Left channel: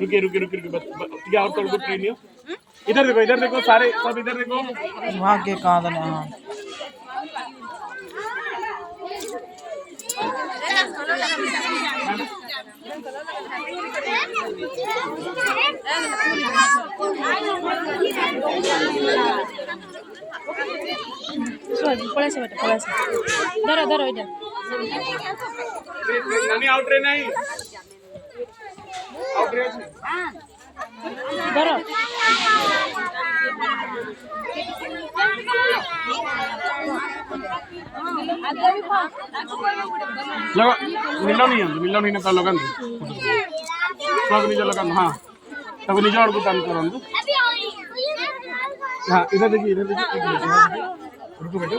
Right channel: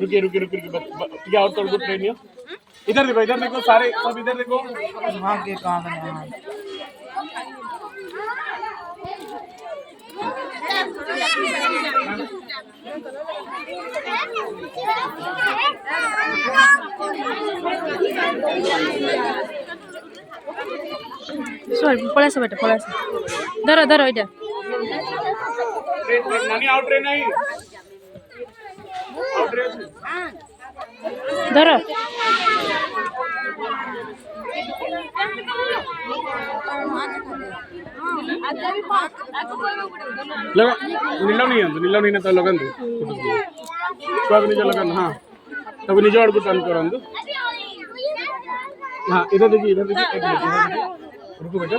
रुकिए रुकिए रुकिए रुकिए और तोड़ ट्रेन हो। इधर देखो सारे सब इधर देखो। वहाँ के कहाँ था पळायचं बेटा पळायचं धरो धरो इधर नानी आउट ट्रेन नहीं आउट ट्रेन धरो लगा नीला नहीं ना लगन सब निज लगन हाँ सब निज आड़ को टर्न करंदु। हाँ इधर देखिए एक मिनट रुको बेटा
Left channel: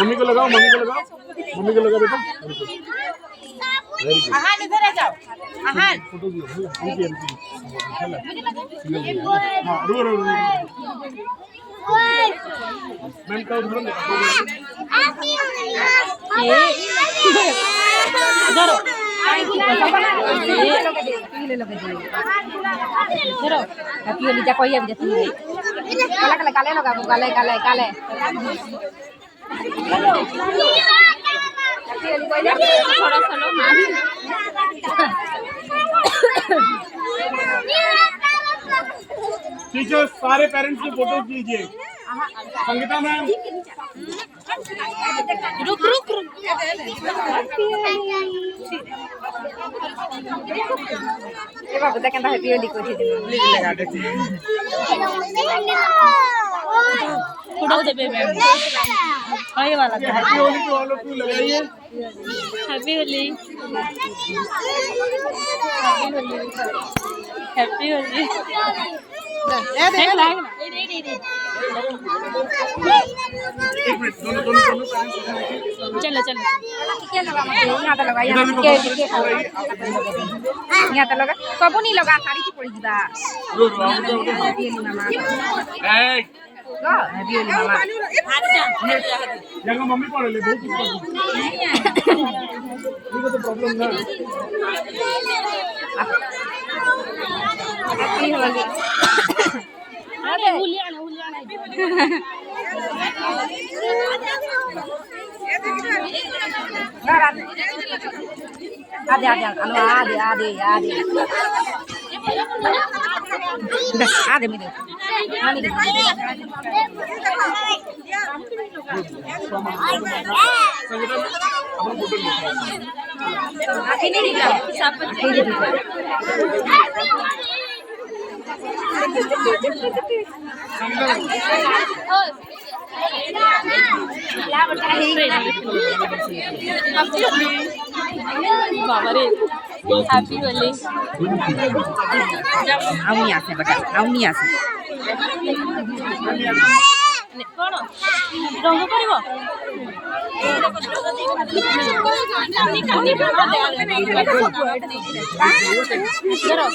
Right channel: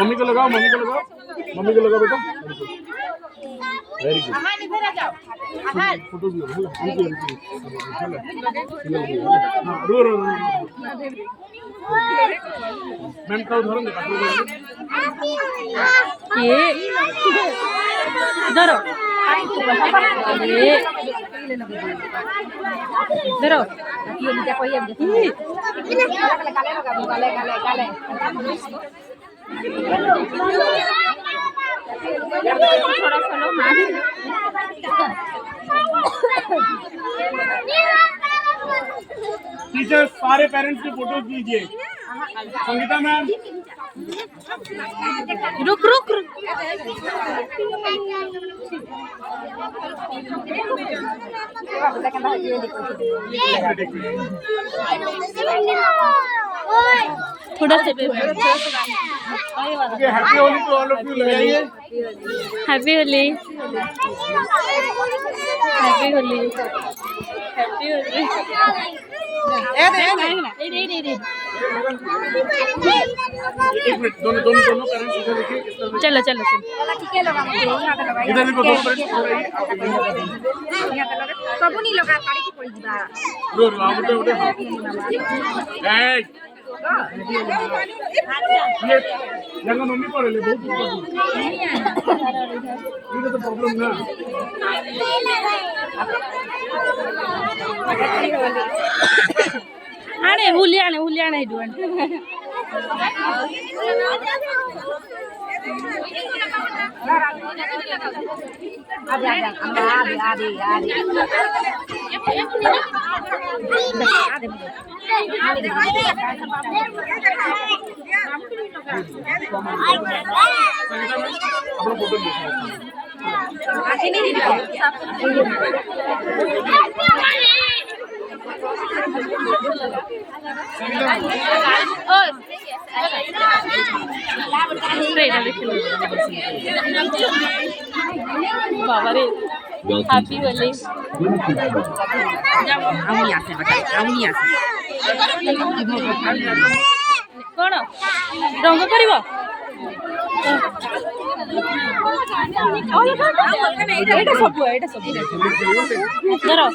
मम्मी को लगाओ बेटा वेरी गुड फोटो भी हाँ रो मैम का ये धरो धरो Aquí ya kau ya jadi. Kale थोड़ा सा लो टीचर सारे पेरेंट्स की फोटो कीजिए। संगीता मैम रुक रुक रुक थोड़ा सा आगे वाला happy Holi to all of you लगाइए। Happy Holi happy Holi happy Holi एक मिनट दोनों पेरेंट्स इधर देखिए। चलो चलो चलो सबू नहीं लगा साड़ी की पड़ी दिबा रो उठे ये जंग मम्मी पड़े ले बहुत ये तो प्रॉब्लम ना आने हुली आने दिवन आदे मेरे अपना फोटो ले आके नहीं बाबा रे हैप्पी होली कौन रंग कर धर